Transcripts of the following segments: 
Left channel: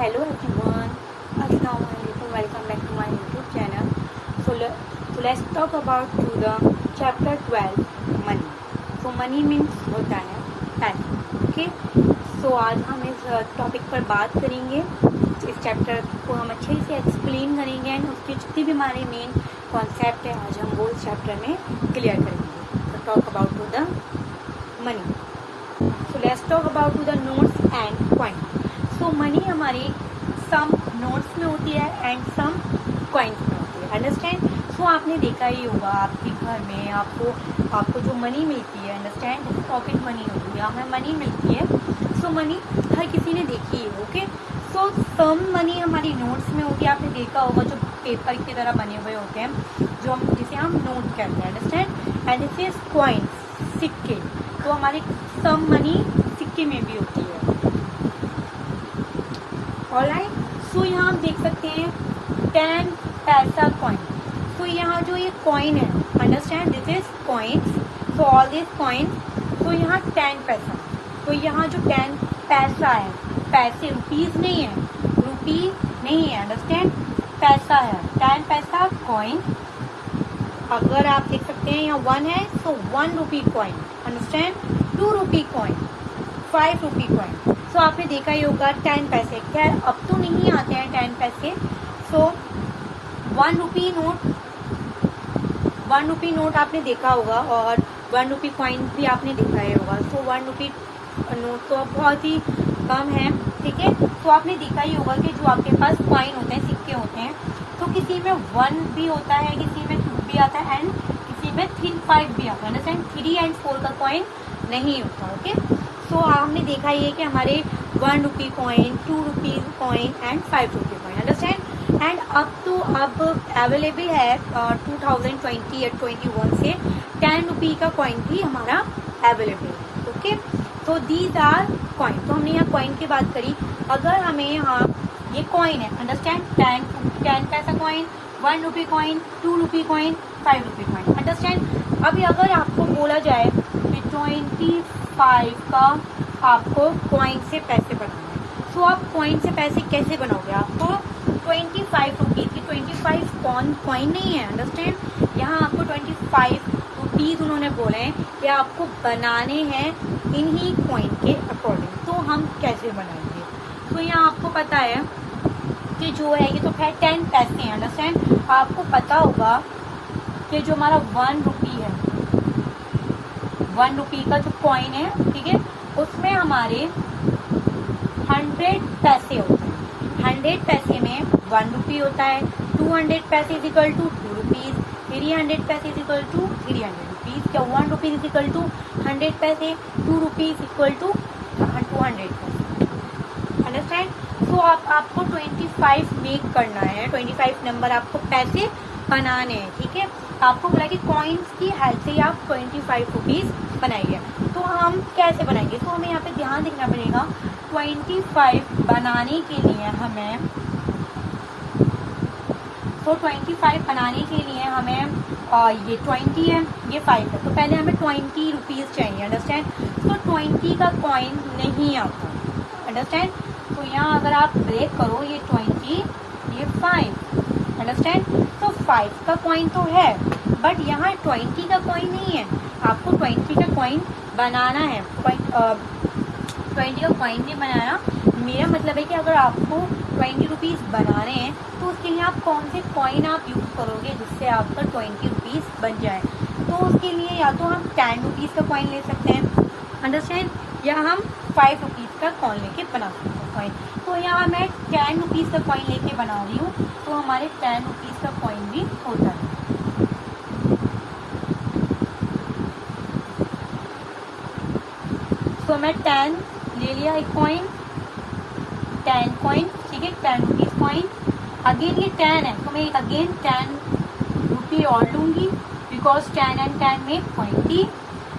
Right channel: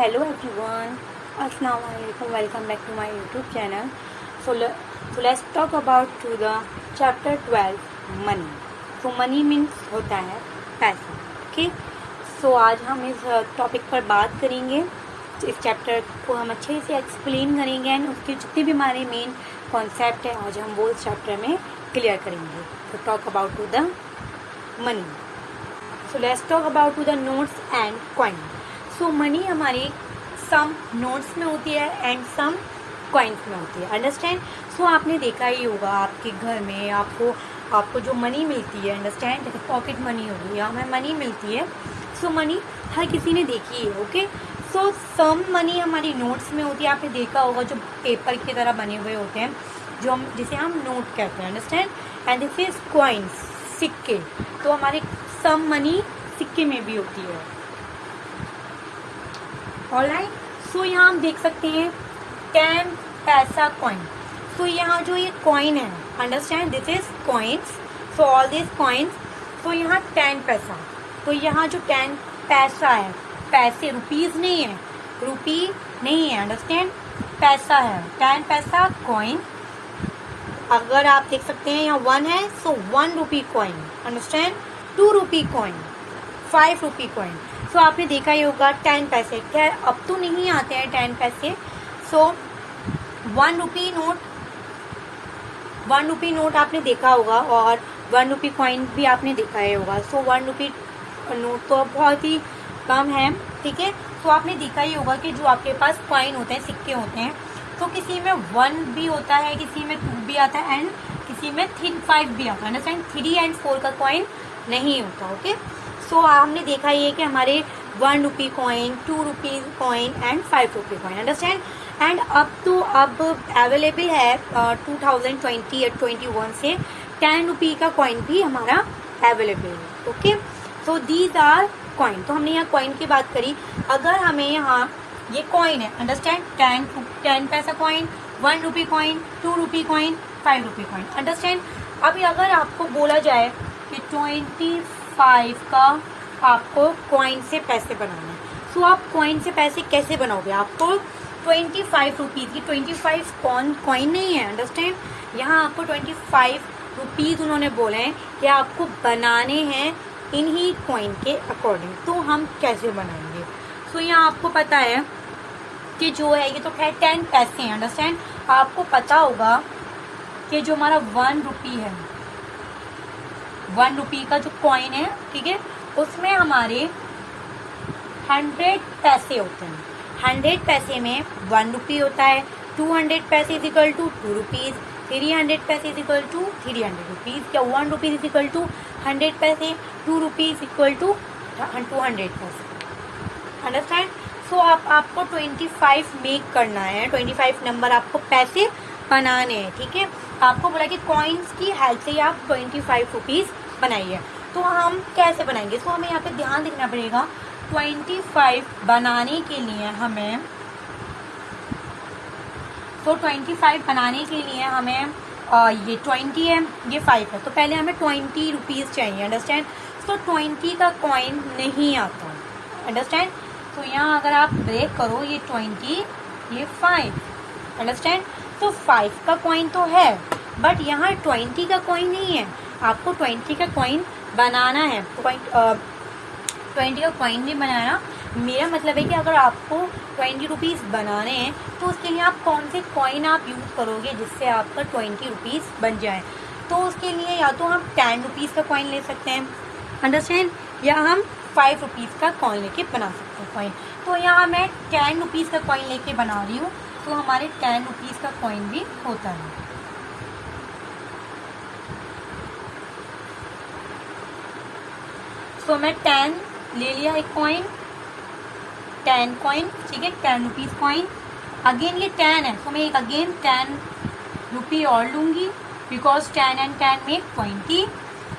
Hello everyone, Assalamualaikum. Welcome back to my YouTube channel. So let's talk about to the chapter 12 money. So money means होता है पैसा. Okay. So आज हम इस topic पर बात करेंगे. इस चैप्टर को हम अच्छे से एक्सप्लेन करेंगे एंड उसके जितने भी हमारे मेन कॉन्सेप्ट है आज हम वो इस चैप्टर में क्लियर करेंगे. तो talk about to the money. So let's talk about to the notes and coin. So money हमारे सम नोट्स में होती है एंड सम कॉइन्स में होती है. अंडरस्टैंड. सो आपने देखा ही होगा आपके घर में आपको जो मनी मिलती है, अंडरस्टैंड, जैसे पॉकेट मनी होती है, हमें मनी मिलती है. सो मनी हर किसी ने देखी है. ओके. सो सम मनी हमारी नोट्स में होती है. आपने देखा होगा जो पेपर की तरह बने हुए होते हैं जो हम जिसे हम नोट कहते हैं. Understand. And this is coins, सिक्के. तो हमारे सम मनी सिक्के में भी होती है. ऑलराइट. सो यहाँ हम देख सकते हैं 10 पैसा कॉइन. तो यहाँ जो ये कॉइन है, understand, this is coins. So all this coins. तो यहाँ 10 पैसा. तो यहाँ जो 10 पैसा है, पैसे, रुपीज नहीं है, रुपी नहीं है, अंडरस्टैंड, पैसा है. 10 पैसा कॉइन. अगर आप देख सकते हैं यहाँ 1 है, so 1 rupee coin. Understand. 2 rupee coin, 5 rupee coin. So आपने देखा ही होगा 10 पैसे. क्या अब तो नहीं आते हैं 10 पैसे. सो 1 रुपी नोट आपने देखा होगा और 1 रुपी कॉइन भी आपने देखा ही होगा. सो 1 रुपी नोट तो बहुत ही कम है. ठीक है. तो आपने देखा ही होगा कि जो आपके पास कॉइन होते हैं, सिक्के होते हैं, तो किसी में 1 भी होता है, किसी में 2 भी आता है एंड किसी में 5 भी आता है. अंडरस्टैंड. 3 एंड 4 का कॉइन नहीं होता. ओके. सो हमने देखा ही है कि हमारे 1 rupee coin, 2 rupee coin and 5 rupee coin. Understand. And अब अवेलेबल है 2020 या 21 से 10 रुपी का कॉइन भी हमारा अवेलेबल है. Okay. So these are coin. तो हमने यहाँ कॉइन की बात करी. अगर हमें यहाँ ये कॉइन है, अंडरस्टैंड, 10 पैसा coin, 1 rupee coin, 2 rupee coin, 5 rupee coin. Understand. अभी अगर आपको बोला जाए कि 25 का आपको कॉइन से पैसे बनाना है, सो आप कॉइन से पैसे कैसे बनाओगे? आपको 25 रुपीज की 25 कॉइन नहीं है. अंडरस्टैंड. यहाँ आपको 25 रुपीज उन्होंने बोले हैं कि आपको बनाने हैं इन्हीं कॉइन के अकॉर्डिंग. तो हम कैसे बनाएंगे? सो यहाँ आपको पता है कि जो है ये तो खैर 10 पैसे हैं. अंडरस्टैंड. आपको पता होगा कि जो हमारा 1 रुपी है, 1 रुपी का जो कॉइन है, ठीक है, उसमें हमारे 100 पैसे होते हैं. 100 पैसे में 1 रुपी होता है. 200 पैसे इज इक्वल टू 2 रुपीज. 300 पैसे इज इक्वल टू 300 रुपीज. क्या 1 रुपीज इज इक्वल टू 100 पैसे, 2 रुपीज इक्वल टू 200 पैसे. अंडरस्टैंड. सो आपको 25 मेक करना है. 25 नंबर आपको पैसे बनाने हैं. ठीक है. आपको बोला कि कॉइन्स की हेल्प से आप 25 रुपीज बनाइए. तो हम कैसे बनाएंगे? तो हमें यहाँ पे ध्यान देना पड़ेगा. 25 बनाने के लिए हमें ये 20 है, ये 5 है, तो पहले हमें 20 रुपीज चाहिए. अंडरस्टैंड. तो 20 का कॉइन नहीं आता. अंडरस्टैंड. तो यहाँ अगर आप ब्रेक करो, ये 20, ये 5. अंडरस्टैंड. तो 5 का कॉइन तो है बट यहाँ 20 का कॉइन नहीं है. आपको 20 का कॉइन बनाना है. 20 का कॉइन नहीं बनाना, मेरा मतलब है कि अगर आपको 20 रुपीज बनाने हैं तो उसके लिए आप कौन से कॉइन आप यूज करोगे जिससे आपका 20 रुपीज बन जाए. तो उसके लिए या तो हम 10 रुपीज का कॉइन ले सकते हैं. अंडरस्टैंड. या हम 5 रुपीज का कॉइन लेके बना सकते हैं कॉइन. तो यहाँ मैं 10 रुपीज का कॉइन लेके बना रही हूँ. तो हमारे 10 रुपीज का कॉइन भी होता है. तो मैं 10 ले लिया एक कॉइन, 10 कॉइन. ठीक है. 10 रुपीज कॉइन. अगेन ये 10 है तो मैं एक अगेन 10 रुपी और लूंगी बिकॉज 10 एंड 10 मेक 20.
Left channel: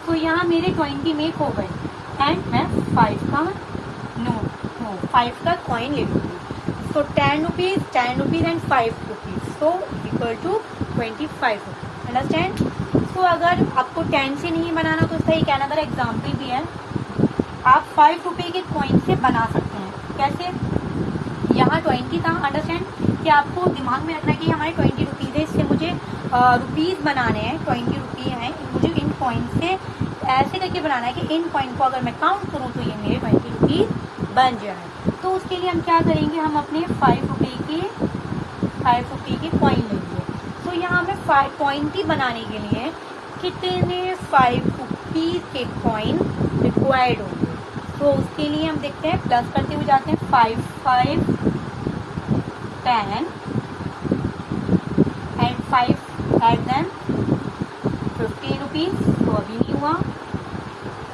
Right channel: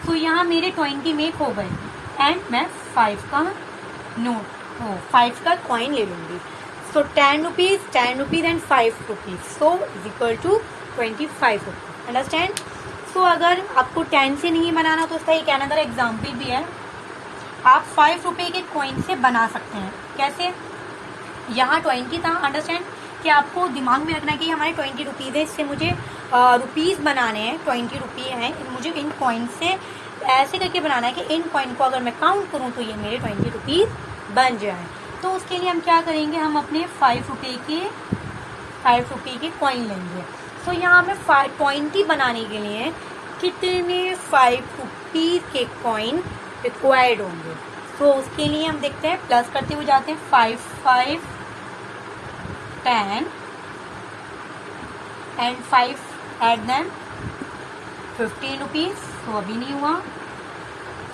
तो यहाँ मेरे 20 मेक हो गए एंड मैं 5 का नोट 5 का कॉइन ले लूंगी. So 10 rupees and 5 rupees. So equal to 25 rupees. Understand. So अगर आपको 10 से नहीं बनाना तो उसका एक अनदर एग्जाम्पल भी है. आप 5 रुपए के कॉइन से बना सकते हैं. कैसे? यहाँ 20 था, अंडरस्टैंड, कि आपको दिमाग में रखना है कि हमारे 20 रुपीज़ है, इससे मुझे रुपीज़ बनाने हैं, 20 रुपये हैं, मुझे इन कॉइन से ऐसे करके बनाना है कि इन कॉइन को अगर मैं काउंट करूँ तो ये मेरे 20 रुपीज़ बन जाए। तो उसके लिए हम क्या करेंगे, हम अपने 5 रुपये के कॉइन लेंगे। तो यहाँ हमें 20 बनाने के लिए कितने 5 रुपीज़ के कॉइन रिक्वायर्ड होंगे। तो उसके लिए हम देखते हैं, प्लस करते हुए जाते हैं, 5 5 10 एंड 5 एड देन 15 रुपीज़। तो अभी नहीं हुआ,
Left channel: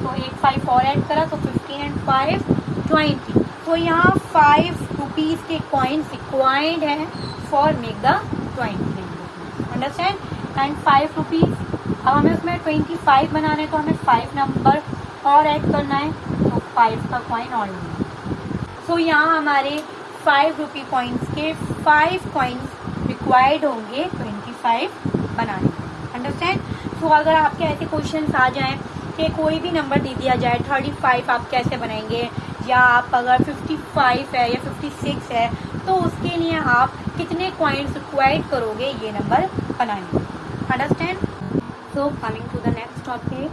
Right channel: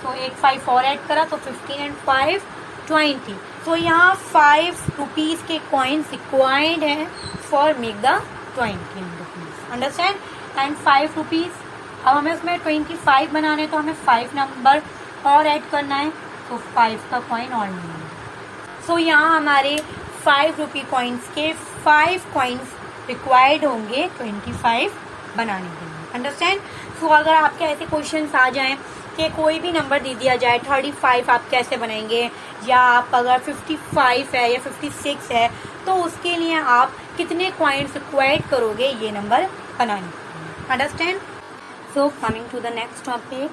तो एक 5 और ऐड करा तो 15 एंड 5 20। तो यहाँ 5 रुपीज़ के कॉइन्स रिक्वायर्ड है for make the 20 rupees, understand. And 5 rupees, अब हमें उसमें 25 बनाना है, तो हमें 5 नंबर और ऐड करना है, तो 5 का कॉइन और लेना है। सो यहाँ हमारे 5 रुपी कॉइन्स के 5 कॉइन्स रिक्वायर्ड होंगे 25 बनाने के लिए, अंडरस्टैंड। सो अगर आपके ऐसे क्वेश्चंस आ जाएं कि कोई भी नंबर दे दिया जाए 35, आप कैसे बनाएंगे, या आप अगर 55 है या 56 है, तो उसके लिए आप कितने कॉइन्स रिक्वायर्ड करोगे ये नंबर बनाने के लिए, understand. So coming to the next topic,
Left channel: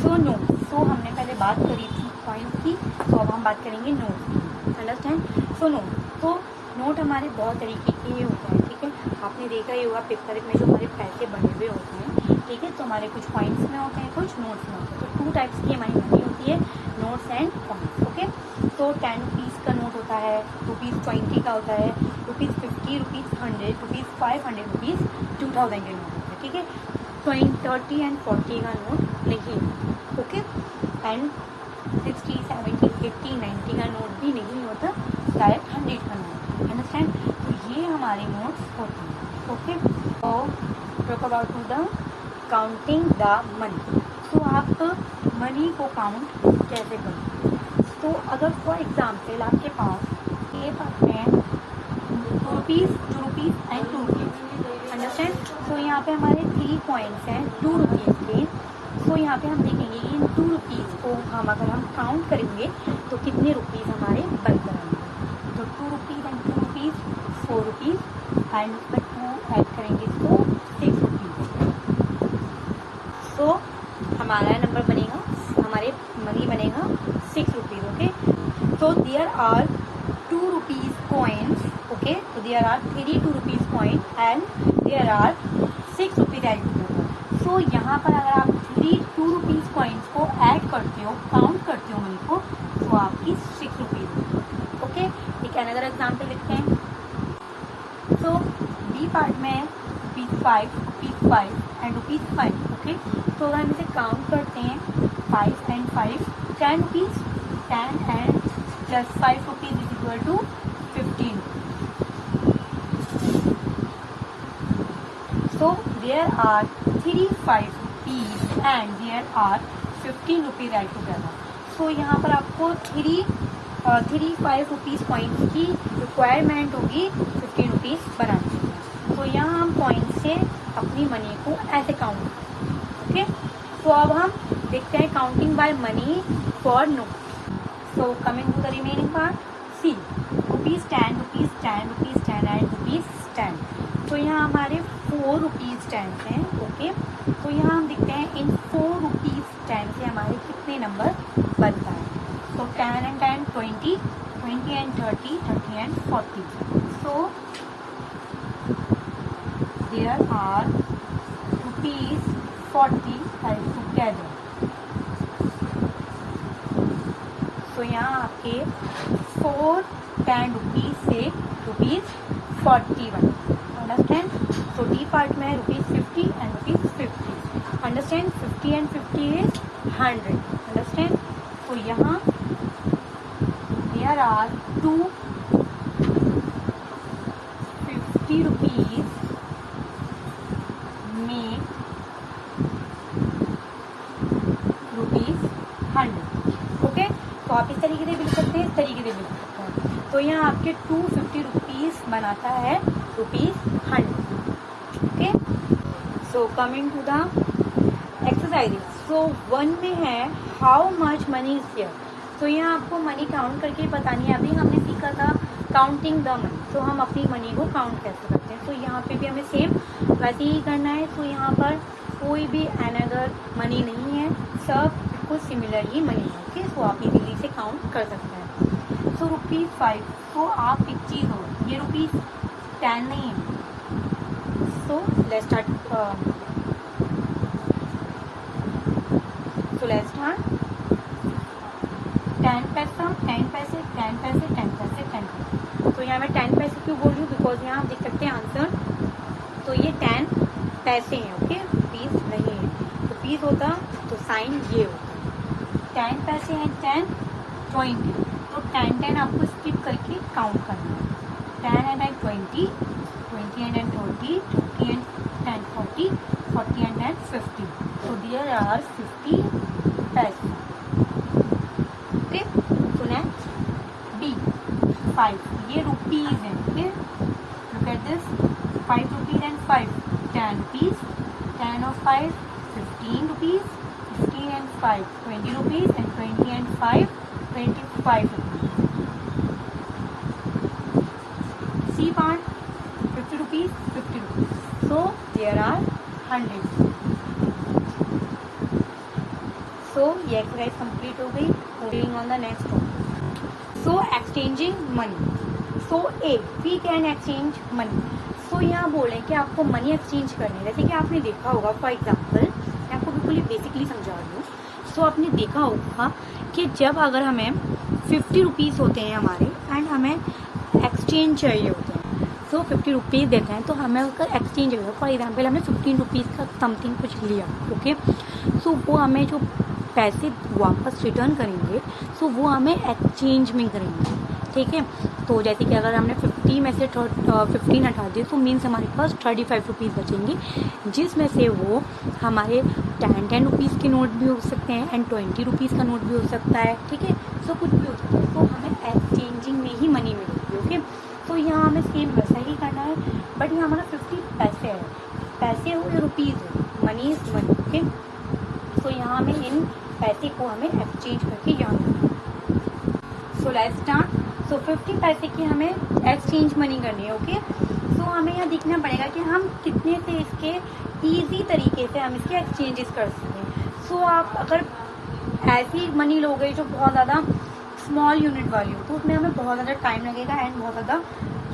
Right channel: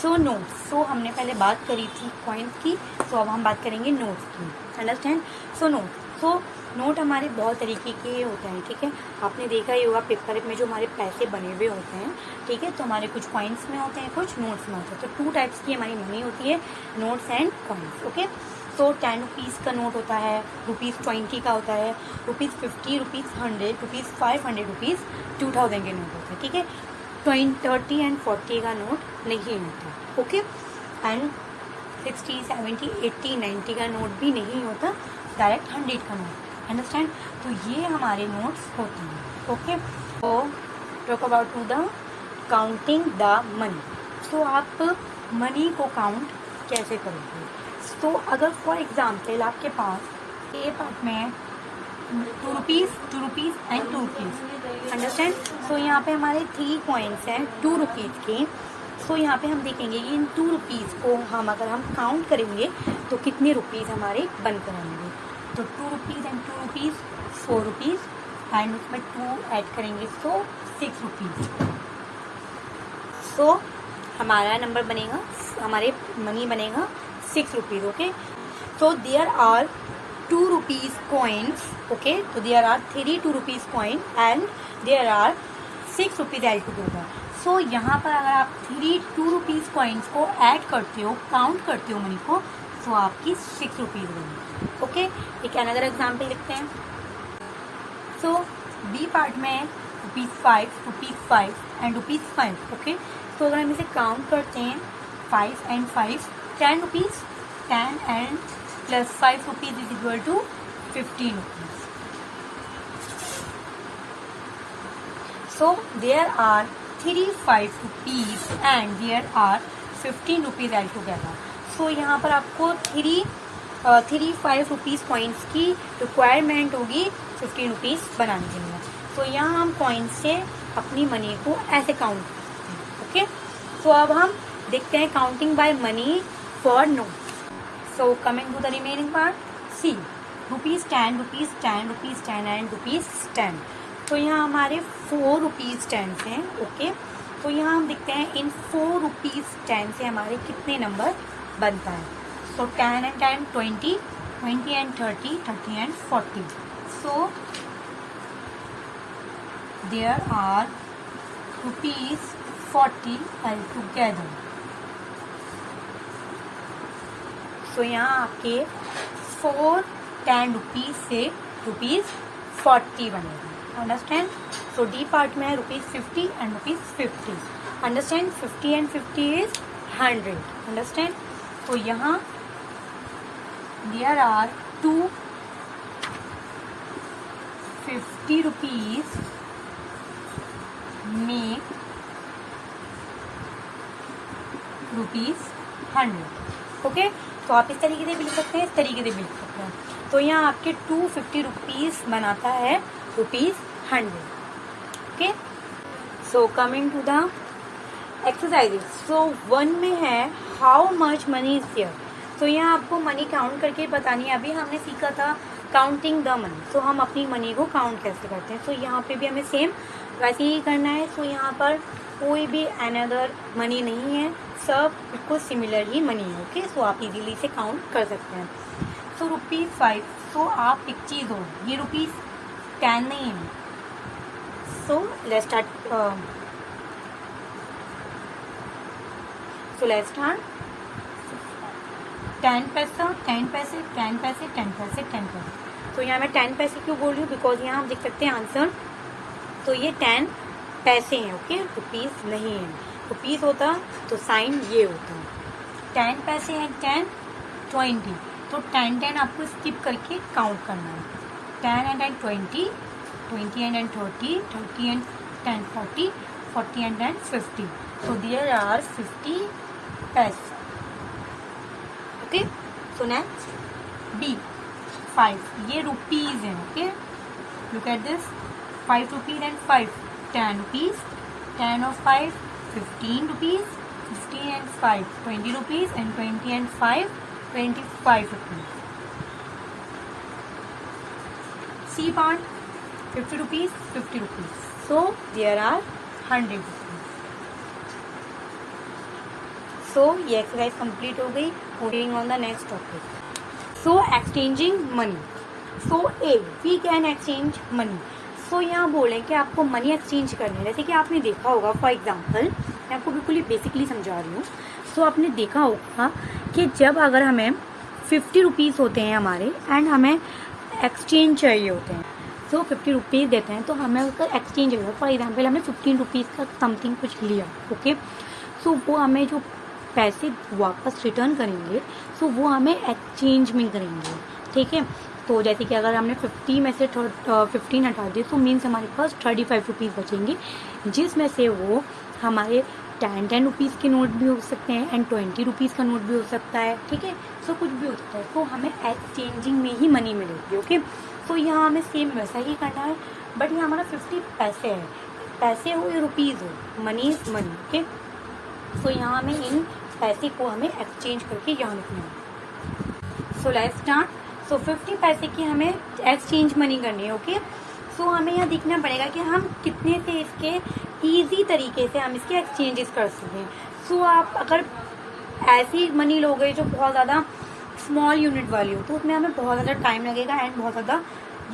so notes. So हमने पहले बात करी थी कॉइन्स की, तो अब हम बात करेंगे नोट्स की, अंडरस्टैंड। सो नोट हमारे बहुत तरीके के होते हैं, ठीक है। आपने देखा ही होगा पेपर में जो हमारे पैसे बने हुए होते हैं, ठीक है, तो हमारे कुछ कॉइन्स में होते हैं, कुछ नोट्स में होते हैं। तो 2 टाइप्स की हमारी मनी होती है, नोट्स एंड कॉइन्स, ओके। तो 10 रुपीज़ का नोट होता है, ₹20 का होता है, ₹50, ₹100, ₹500, ₹2000 के नोट होते हैं, ठीक है। 20, 30 एंड 40 का नोट नहीं होता, ओके। एंड 60, 70, 80, 90 का नोट भी नहीं होता, डायरेक्ट 100 का नोट, अंडरस्टैंड। तो ये हमारे नोट्स होते हैं, ओके। तो talk about to the counting the money. तो आप मनी को काउंट कैसे करेंगे। तो अगर फॉर एग्जाम्पल आपके पास ए पार्ट में 2 रुपीज़ एंड 2 रुपीज़, अंडरस्टैंड। तो यहाँ पे हमारे 3 कॉइन्स हैं 2 रुपीज़ के। सो यहाँ पे हम देखेंगे कि इन 2 रुपीज़ को अगर हम काउंट करेंगे तो कितने रुपीज़ हमारे बनकर आएंगे। तो 2 rupees and 2 rupees 4 rupees and उसमें 2 ऐड करेंगे तो 6 रुपीज़। सो हमारा नंबर बनेगा, हमारे मनी बनेगा 6 रुपीज़, ओके। तो there are 2 rupees coins, okay. तो there are 3 2 rupees coin and there are 6 rupees add होगा। सो यहाँ पर अगर आप 3 2 रुपीज़ कॉइन्स को ऐड करते हो, काउंट करते हो मनी को, तो आपकी 6 रुपीज़ होगी, ओके। एक अनदर एग्जाम्पल लिखते हैं। सो बी पार्ट में ₹5 एंड ₹5, ओके। तो अगर हम इसे काउंट करते हैं 5 and 5, 10 rupees, 10 and plus 5 rupees is equal to 15 rupees. So there are 3 5 rupees and there are 15 rupees altogether. So यहाँ पर आपको 3 5 रुपीज़ कॉइन्स की रिक्वायरमेंट होगी 15 रुपीज़ बनाने के लिए। तो यहाँ हम कॉइन्स से अपनी मनी को ऐसे काउंट, ओके। तो अब हम देखते हैं counting by money for notes. So coming to the remaining part, see ₹10, ₹10 and ₹10। तो यहाँ हमारे 4 रुपीज़ 10 हैं, ओके। तो यहाँ हम देखते हैं इन 4 रुपीज़ 10 से हमारे कितने नंबर बनता है। So 10 and 10 20, 20 and 30, 30 and 40। So there are ₹40 together. So यहाँ आपके 4 10 रुपीज़ से ₹40 बने, अंडरस्टैंड। सो डी पार्ट में है ₹50 and ₹50, understand. 50 and 50 is 100, understand. तो यहाँ there are 2 50 rupees make ₹100, okay. तो आप इस तरीके से भी लिख सकते हैं, इस तरीके से भी लिख सकते हैं। तो यहाँ आपके 250 रुपीज़ बनाता है ₹100, okay. So coming to the exercises. So 1 में है how much money is there. तो यहाँ आपको मनी काउंट करके बतानी है। अभी हमने सीखा था काउंटिंग द मनी। सो हम अपनी मनी को काउंट कैसे करते हैं। सो यहाँ पे भी हमें सेम वैसे ही करना है। सो यहाँ पर कोई भी अनदर मनी नहीं है, सब बिल्कुल सिमिलर ही मनी है। ओके, सो आप इजीली से काउंट कर सकते हैं। सो ₹5। सो आप एक चीज़ हो, ये ₹10 नहीं है। So let's start. So let's start. 10 पैसा, 10 पैसे, 10 पैसे, 10 पैसे, 10 पैसे। तो यहाँ मैं 10 पैसे क्यों बोल रही हूँ, बिकॉज यहाँ आप देख सकते हैं आंसर। तो ये 10 पैसे हैं। ओके, रुपीज नहीं है। रुपीज होता तो साइन ये होता। 10 पैसे हैं, 10, 20। तो 10 आपको स्किप करके काउंट करना है। 10 and 20, 20 and 30, 30 and 40, 40 and 50. So there are 50 पैसे। Okay, so next B 5। ये रुपीज है। Okay, look at this, 5 rupees and 5, 10 rupees, 10 और 5, 15 rupees, 15 and 5, 20 rupees, and 20 and 5, 25 rupees. C part 50 rupees, 50 rupees. So there are 100। सो ये exercise complete हो गई। Moving on the next topic. So exchanging money. So a, we can exchange money. So यहाँ बोले कि आपको money exchange करनी है। जैसे कि आपने देखा होगा, फॉर एग्जाम्पल मैं आपको बिल्कुल ही बेसिकली समझा रही हूँ। सो आपने देखा होगा कि जब अगर हमें 50 रुपीज़ होते हैं हमारे एंड हमें एक्सचेंज चाहिए होते हैं, सो 50 रुपीज़ देते हैं तो हमें उसका एक्सचेंज चाहिए। फॉर एग्जाम्पल हमने 15 रुपीज़ का समथिंग कुछ लिया। ओके, सो वो हमें जो पैसे वापस रिटर्न करेंगे, सो वो हमें एक्सचेंज में करेंगे। ठीक है, तो जैसे कि अगर हमने 50 में से 15 हटा दिए, तो मीन्स हमारे पास 35 रुपीज़ बचेंगे, जिसमें से वो हमारे 10 रुपीज़ के नोट भी हो सकते हैं एंड 20 रुपीज़ का नोट भी हो सकता है। ठीक है, सो कुछ भी हो सकता है। तो हमें एक्सचेंजिंग में ही मनी मिलेगी। ओके, तो यहाँ हमें सेम वैसा ही करना है, बट ये हमारा 50 पैसे है। पैसे हो या रुपीज़ हो, मनी इज मनी। ओके, सो यहाँ हमें इन पैसे को हमें एक्सचेंज करके यहाँ रखना। So let's start. सो 50 पैसे की हमें एक्सचेंज मनी करनी है। ओके, सो हमें यहाँ देखना पड़ेगा कि हम कितने से इसके इजी तरीके से हम इसके एक्सचेंजेस कर सकते हैं। सो आप अगर ऐसी मनी लोगे जो बहुत ज़्यादा स्मॉल यूनिट वाली हो, तो उसमें हमें बहुत ज़्यादा टाइम लगेगा एंड बहुत ज़्यादा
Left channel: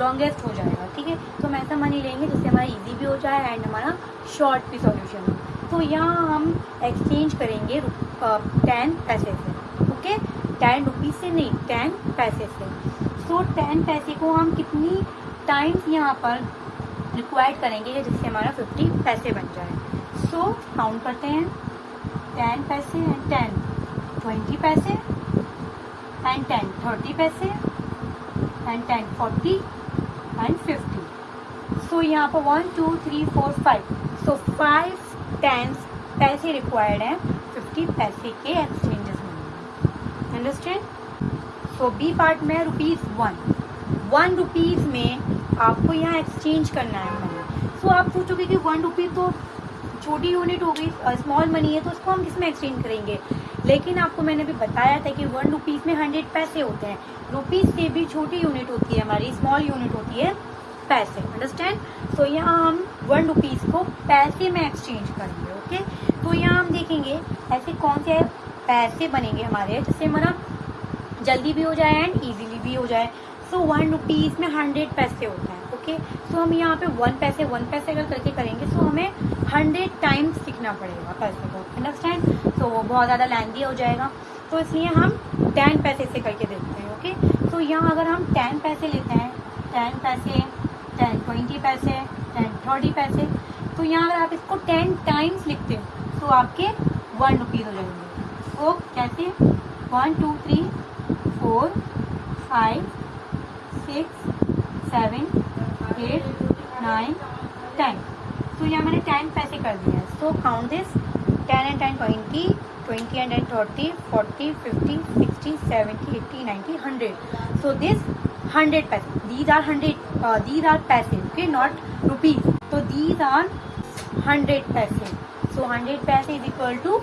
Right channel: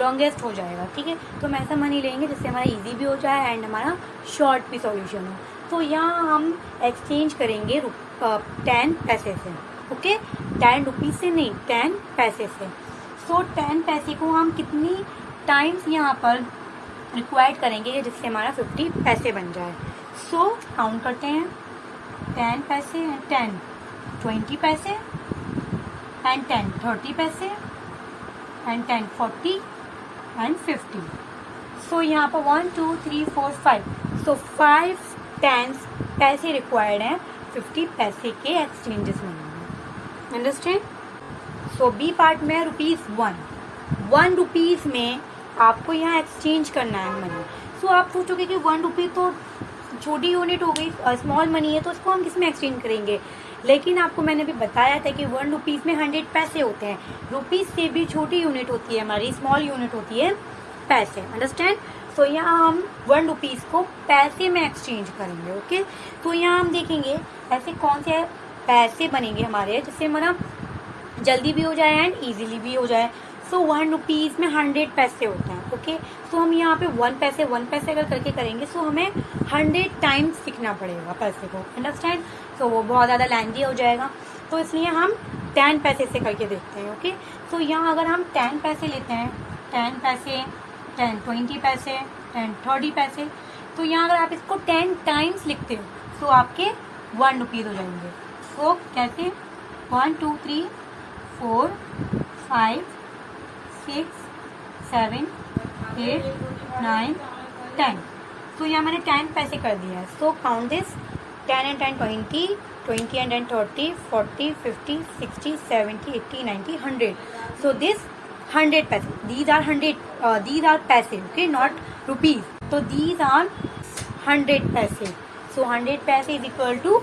लॉन्गेस्ट हो जाएगा। ठीक है, तो हम ऐसा मनी लेंगे जिससे हमारा इजी भी हो जाए एंड हमारा शॉर्ट भी सॉल्यूशन हो। तो यहाँ हम एक्सचेंज करेंगे 10 पैसे से। ओके, 10 रुपीज़ से नहीं, 10 पैसे से। सो 10 पैसे को हम कितनी टाइम्स यहाँ पर रिक्वायर्ड करेंगे जिससे हमारा 50 पैसे बन जाए। सो काउंट करते हैं। 10 पैसे एंड 10, 20 पैसे एंड 10, 30 पैसे एंड 10, 40 एंड 50। सो यहाँ पर 1 2 3 4 5, सो 5 10 पैसे रिक्वायर्ड हैं 50 पैसे के एक्सचेंजेस में। अंडरस्टैंड। सो बी पार्ट में ₹1 रुपीज में आपको यहाँ एक्सचेंज करना है मनी। सो आप सोचोगे कि 1 रुपी तो छोटी यूनिट हो गई, स्मॉल मनी है, तो इसको हम किसमें एक्सचेंज करेंगे। लेकिन आपको मैंने भी बताया था कि 1 रुपीज में 100 पैसे होते हैं। रुपीज से भी छोटी यूनिट होती है, हमारी स्मॉल यूनिट होती है पैसे। अंडरस्टैंड। सो यहाँ हम 1 रुपीज को पैसे में एक्सचेंज करेंगे। ओके, तो यहाँ हम देखेंगे ऐसे कौन से पैसे बनेंगे हमारे जिससे हमारा जल्दी भी हो जाए एंड इजीली भी हो जाए। सो 1 रुपीज में 100 पैसे होते हैं। ओके, सो हम यहाँ पे 1 पैसे अगर करके करेंगे, सो हमें 100 टाइम्स लिखना पड़ेगा पैसे को। अंडरस्टैंड। तो वो बहुत ज़्यादा लेंथी हो जाएगा, तो इसलिए हम 10 पैसे से करके देखते हैं। ओके, तो यहाँ अगर हम 10 पैसे लेते हैं, 10 पैसे, 10 20 पैसे, 10 30 पैसे, तो यहाँ अगर आप इसको 10 टाइम्स लिखते हो तो आपके 1 रुपीज़ हो जाएंगे। तो कैसे 1 2 3 4 5 6 7 8 9 10। तो यहाँ मैंने 10 पैसे कर दिया है। So count this 10 and 10 20, 20 and 10 30, 40, 50, 60, 70, 80, 90, 100. So this 100 paise. These are 100. These are paise. Okay, not rupees. So these are 100 paise. So 100 paise is equal to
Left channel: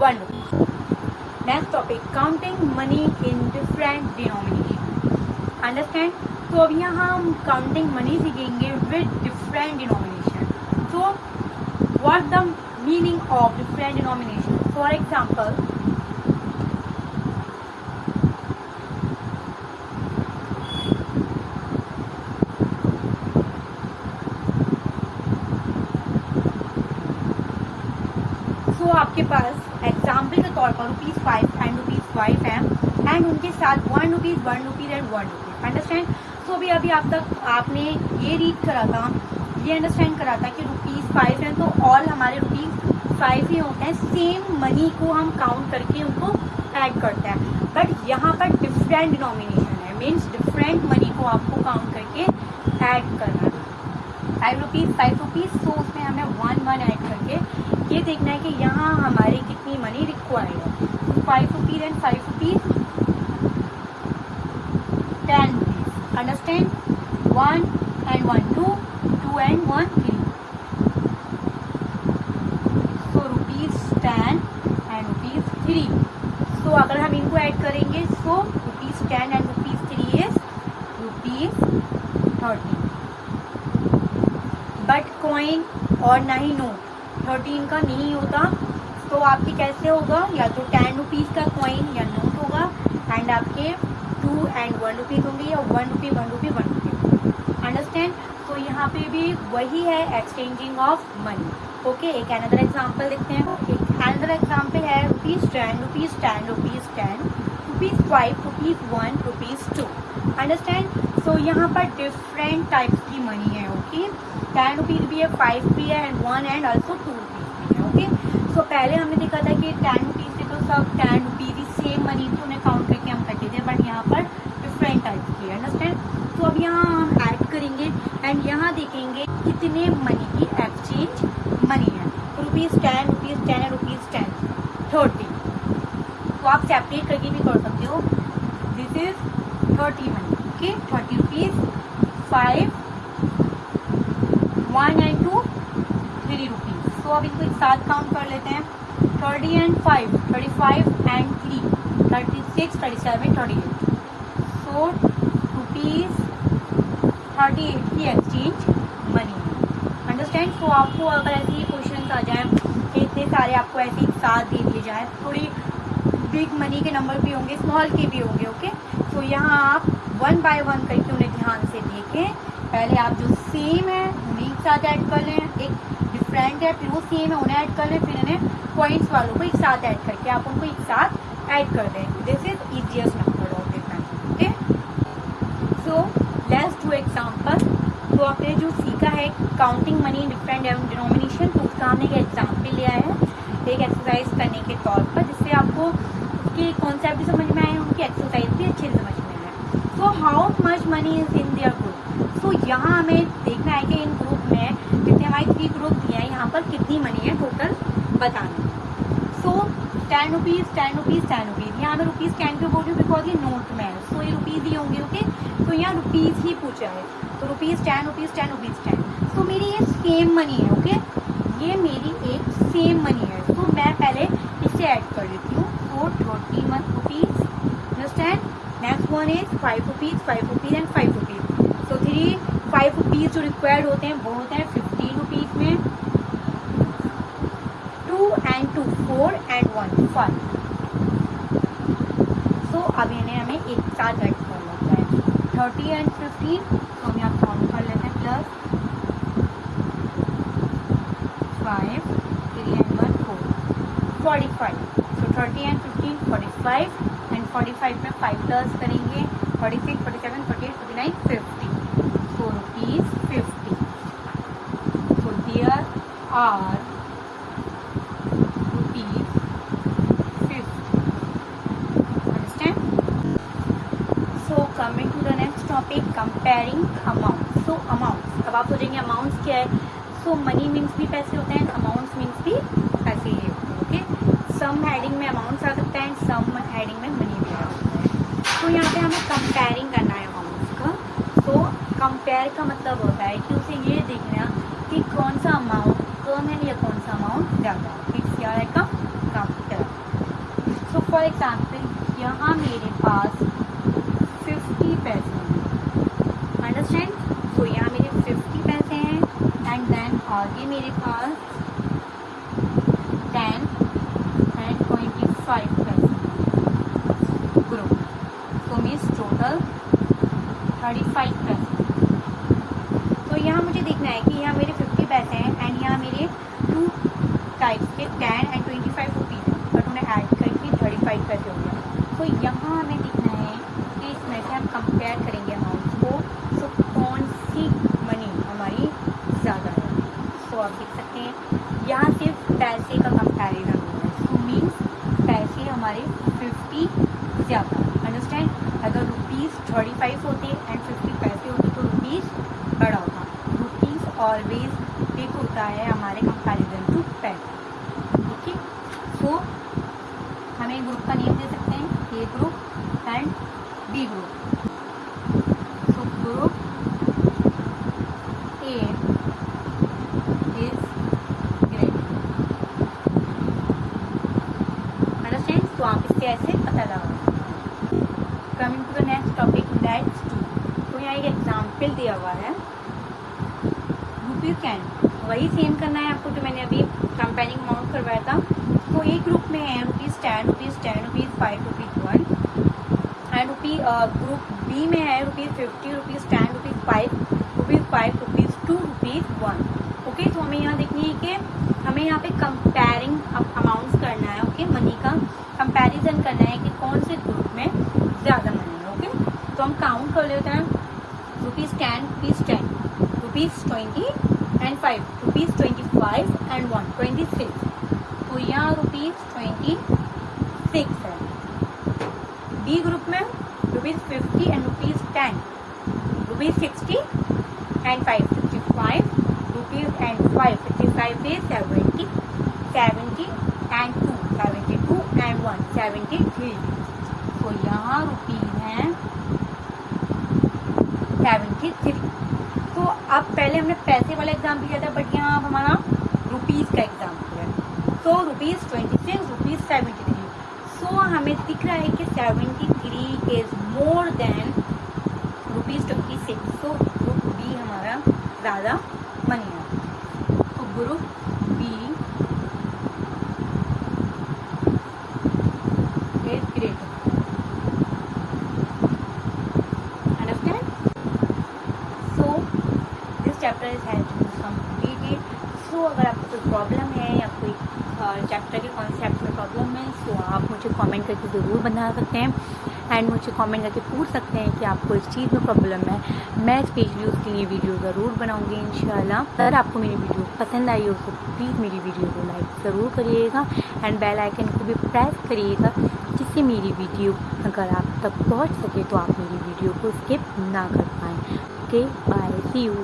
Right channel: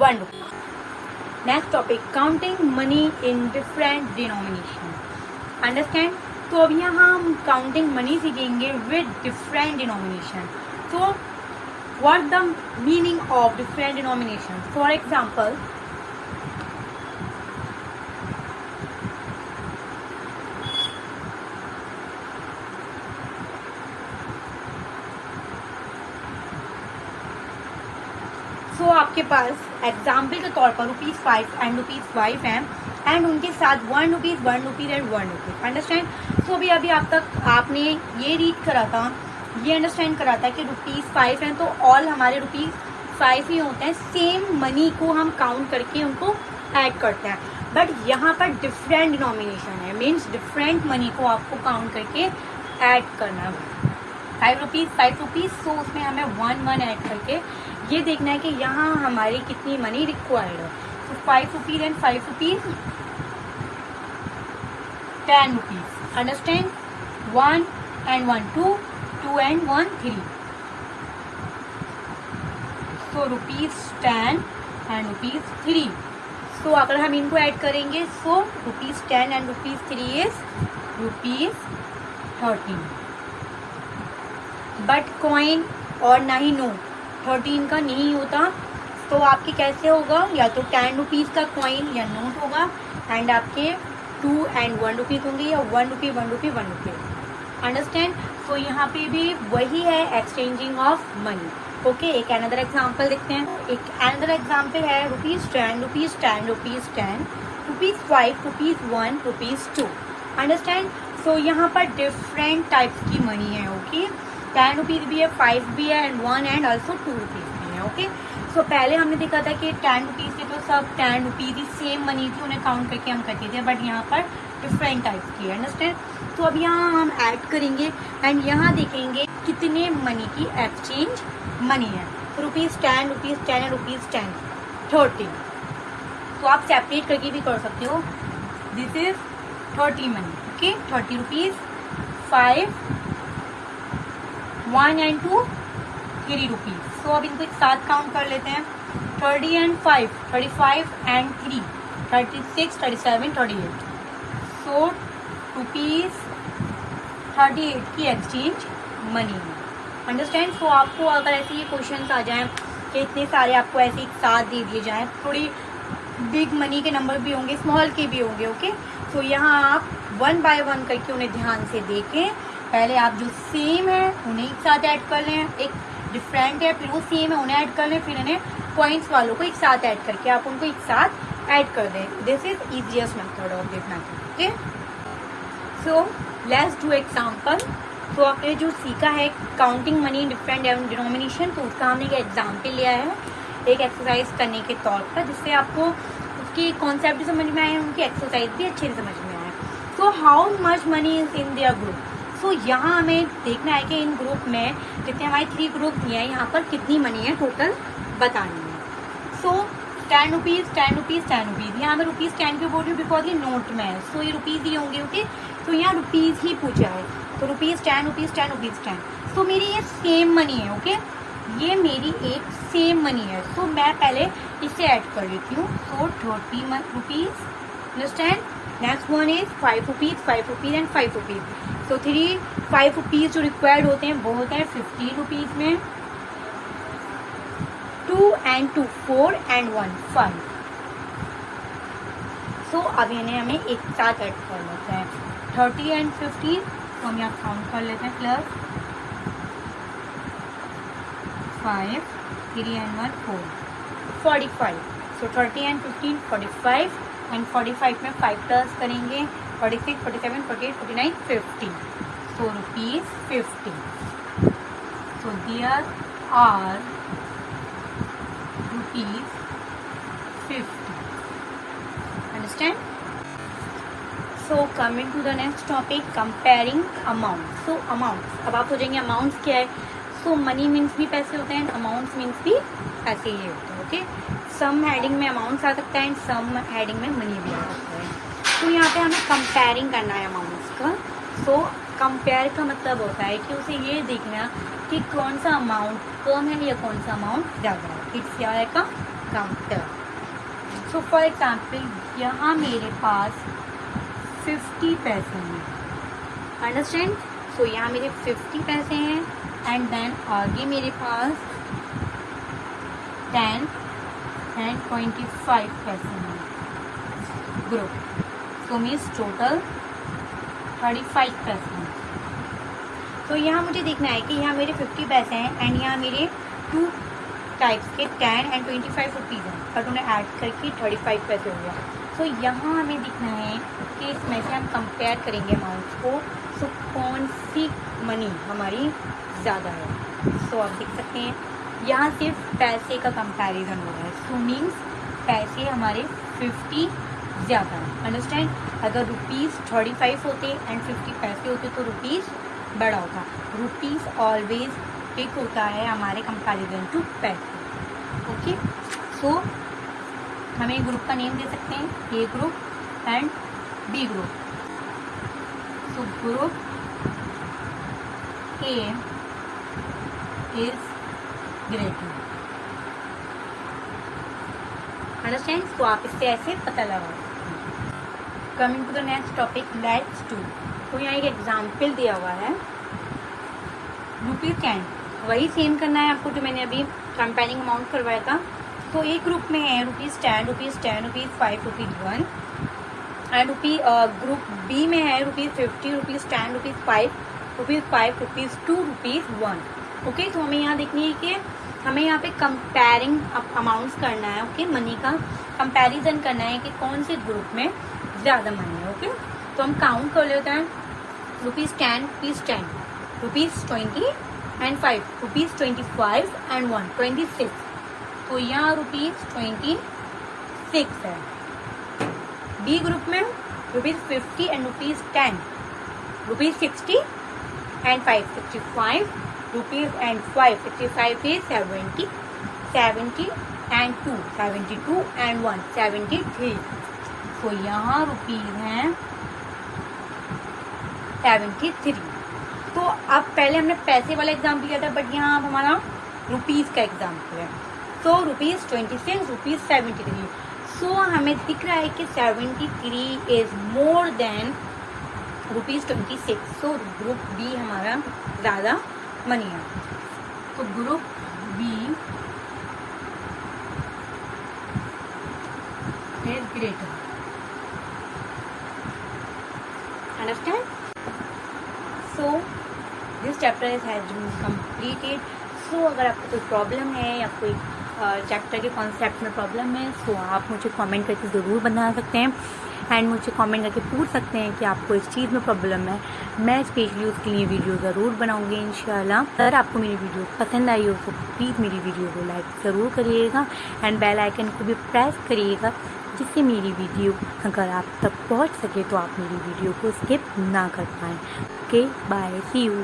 1 rupee. Next topic: counting money in different denomination. Understand? तो अब यहाँ हम counting money सीखेंगे with different denomination. So what the meaning of different denomination? For example, तो आपके पास example के तौर पर ₹5 एंड ₹5 है एंड उनके साथ ₹1 एंड ₹1. अंडरस्टैंड? तो अभी आप तक आपने ये रीड करा था, ये अंडरस्टैंड करा था कि ₹5 हैं तो ऑल हमारे ₹5 ही होते हैं. सेम मनी को हम काउंट करके उनको ऐड करते हैं. बट यहाँ पर डिफरेंट डिनोमिनेशन है, मीन्स डिफरेंट मनी को आपको काउंट करके ऐड करना है. ₹5, तो उसमें हमें 1 ऐड करके ये देखना है कि यहाँ हमारी कितनी मनी रिक्वायर्ड है. ₹5 and ₹5, ₹10. Understand? 1 and 1 2, 2 and 1 3. So ₹10 and ₹3. So अगर हम इनको ऐड करेंगे so ₹10 and ₹3 is ₹30. But coin और ना ही नोट 13 का नहीं होता. तो आपके कैसे होगा? या तो ₹10 का कॉइन या नोट होगा एंड आपके 2 and 1 रुपीज होंगे या ₹1 ₹1. अंडरस्टैंड? तो यहाँ पे भी वही है, एक्सचेंजिंग ऑफ मनी. ओके, एक अनदर एग्जाम्पल देखते हैं. एक अनदर एग्जाम्पल है ₹10, ₹10, ₹10, ₹5, ₹1, ₹2. अंडरस्टैंड? सो यहाँ पर डिफरेंट टाइप्स की मनी है. ओके, ₹10 भी है, 5 भी है एंड 1 एंड ऑल्सो ₹2 भी है. ओके, सो पहले हमने देखा था कि ₹10 के तो सब ₹10 ही सेम मनी थी, उन्हें काउंट करके हम करते थे. बट यहाँ पर डिफरेंट टाइप्स की है. अंडरस्टैंड? तो अब यहाँ हम ऐड करेंगे एंड यहाँ देखेंगे कितने मनी की एक्सचेंज मनी है. ₹10, ₹10 एंड ₹10, 30. तो आप सेपरेट करके भी कर सकते हो. This is 30 money. Okay, ₹30, 5, 1 and 2, ₹3. तो अब इनको एक साथ काउंट कर लेते हैं. 30 and 5, 35 and 3, 36, 37, 38. सो ₹38 की एक्सचेंज मनी है. अंडरस्टैंड? सो आपको अगर ऐसे ही क्वेश्चन आ जाए कि इतने सारे आपको ऐसे एक साथ दे दिए जाए, थोड़ी बिग मनी के नंबर भी होंगे, स्मॉल के भी होंगे. ओके, तो यहाँ आप 1 by 1 करके उन्हें ध्यान से देखें. पहले आप जो सेम है उन्हें एक साथ ऐड कर लें, एक डिफरेंट है फिर वो सेम है उन्हें ऐड कर लें, फिर इन्हें पॉइंट्स वालों को एक साथ ऐड करके आप उनको एक साथ ऐड कर दें. This is easiest method of देखना. Okay, so let's do example. तो आपने जो सीखा है counting money in different denomination, तो उसका हमने एक एग्जाम्पल लिया है एक एक्सरसाइज करने के तौर पर, जिससे आपको उसके कॉन्सेप्ट भी समझ में आए, उनकी एक्सरसाइज भी अच्छे से समझ में आए. So how much money is in there group? So यहाँ हमें देखना है कि इन ग्रुप में जितने हमारे 3 ग्रुप दिए हैं यहाँ पर कितनी मनी है टोटल बतानी है. सो ₹10, ₹10, यहाँ पर ₹10 के बोल रही हूँ बिकॉज ये नोट में है. सो ये रुपीज़ ही होंगे. ओके, तो यहाँ रुपीज़ ही पूछा है. तो ₹10. सो मेरी ये सेम मनी है. ओके, ये मेरी एक सेम मनी है. तो मैं पहले इसे ऐड कर लेती हूँ. सो ₹30. Understand? Next one is ₹5 and ₹5. सो ₹5 जो रिक्वायर्ड होते हैं वो होते हैं ₹15 में. 2 and 2, 4 and 1, 5. सो अब इन्हें हमें एक साथ ऐड कर लेते हैं. 30 and 15, तो हम यहाँ काउंट कर लेते हैं. Plus 5, 3 and 1, 4, 45. So 30 and 15, 45 and 45 में 5 प्लस करेंगे. 46, 47, 48, 49, 50. So ₹50. So there are ₹50. Understand? So coming to the next topic, comparing amounts. So amounts. अब आप सोचेंगे amounts क्या है? So money means भी पैसे होते हैं, amounts means भी पैसे ही होते हैं. ओके, सम हेडिंग में अमाउंट्स आ सकता है एंड सम हेडिंग में मनी भी आ सकता है. तो यहाँ पे हमें कंपेयरिंग करना है अमाउंट्स का. सो कंपेयर का मतलब होता है कि उसे ये देखना कि कौन सा अमाउंट कम है या कौन सा अमाउंट ज़्यादा है. इट्स क्या है का कंपेयर. सो फॉर एग्जाम्पल यहाँ मेरे पास 50 पैसे हैं. अंडरस्टैंड। सो यहाँ मेरे 50 पैसे हैं एंड देन आगे मेरे पास 10 एंड 25 पैसे हैं ग्रुप। तो मीन्स टोटल 35 पैसे। तो यहाँ मुझे देखना है कि यहाँ मेरे 50 पैसे हैं एंड यहाँ मेरे 2 टाइप्स के 10 एंड 25 रुपीज़ हैं, और उन्हें ऐड करके 35 पैसे हो गया। तो यहाँ हमें दिखना है कि इसमें से हम कंपेयर करेंगे अमाउंट्स को, तो कौन सी मनी हमारी ज़्यादा है। सो आप देख सकते हैं यहाँ सिर्फ पैसे का कंपैरिजन हो रहा है। सो मीन्स पैसे हमारे 50 ज़्यादा है। अंडरस्टैंड। अगर रुपीज़ 35 होते एंड 50 पैसे होते तो रुपीज़ बड़ा होगा। रुपीज़ ऑलवेज बिग होता है हमारे कंपैरिजन टू पैसे। ओके। सो हमें ग्रुप का नेम दे सकते हैं, A group and B group. So group A is greater. Understand. तो आप इससे ऐसे पता लगाओ। Coming to the next topic, let's do. तो यहाँ एक एग्जाम्पल दिया हुआ है ₹10, वही सेम करना है आपको जो मैंने अभी कंपेयरिंग अमाउंट करवाया था। तो एक ग्रुप में है ₹10, ₹10, ₹5, ₹1 एंड ग्रुप बी में है ₹50, ₹10, ₹5, ₹5, ₹2, ₹1। ओके। तो हमें यहाँ देखनी है कि हमें यहाँ पे कंपेयरिंग अमाउंट्स करना है। ओके। मनी का कंपैरिजन करना है कि कौन से ग्रुप में ज़्यादा मनी है। ओके। तो हम काउंट कर लेते हैं। ₹10, ₹10, ₹20 एंड 5, ₹25 एंड 1, 26। तो यहाँ ₹26 है। बी ग्रुप में ₹50 and ₹10, ₹60 and 5, ₹55 and 5, 55 is 70, 70 and 2, 72 and 1, 73। तो यहाँ रुपीज़ हैं 73। तो अब पहले हमने पैसे वाला एग्जाम्पल किया था, बट यहाँ अब हमारा रुपीज़ का एग्जाम्पल है। सो ₹26, ₹73। सो हमें दिख रहा है कि 73 is more than ₹26। So group B हमारा ज़्यादा मनी है। तो group B is greater. Understand. So this chapter is has been completed. So अगर आपको कोई प्रॉब्लम है या कोई चैप्टर के कॉन्सेप्ट में प्रॉब्लम है तो आप मुझे कमेंट करके ज़रूर बता सकते हैं एंड मुझे कमेंट करके पूछ सकते हैं कि आपको इस चीज़ में प्रॉब्लम है। मैं स्पेशली उसके लिए वीडियो ज़रूर बनाऊंगी इंशाल्लाह। अगर आपको मेरी वीडियो पसंद आई हो तो प्लीज़ मेरी वीडियो को लाइक ज़रूर करिएगा एंड बेल आइकन को भी प्रेस करिएगा, जिससे मेरी वीडियो अगर आप तक पहुँच सके तो आप मेरी वीडियो को स्किप ना कर पाएँ। Okay, bye, see you.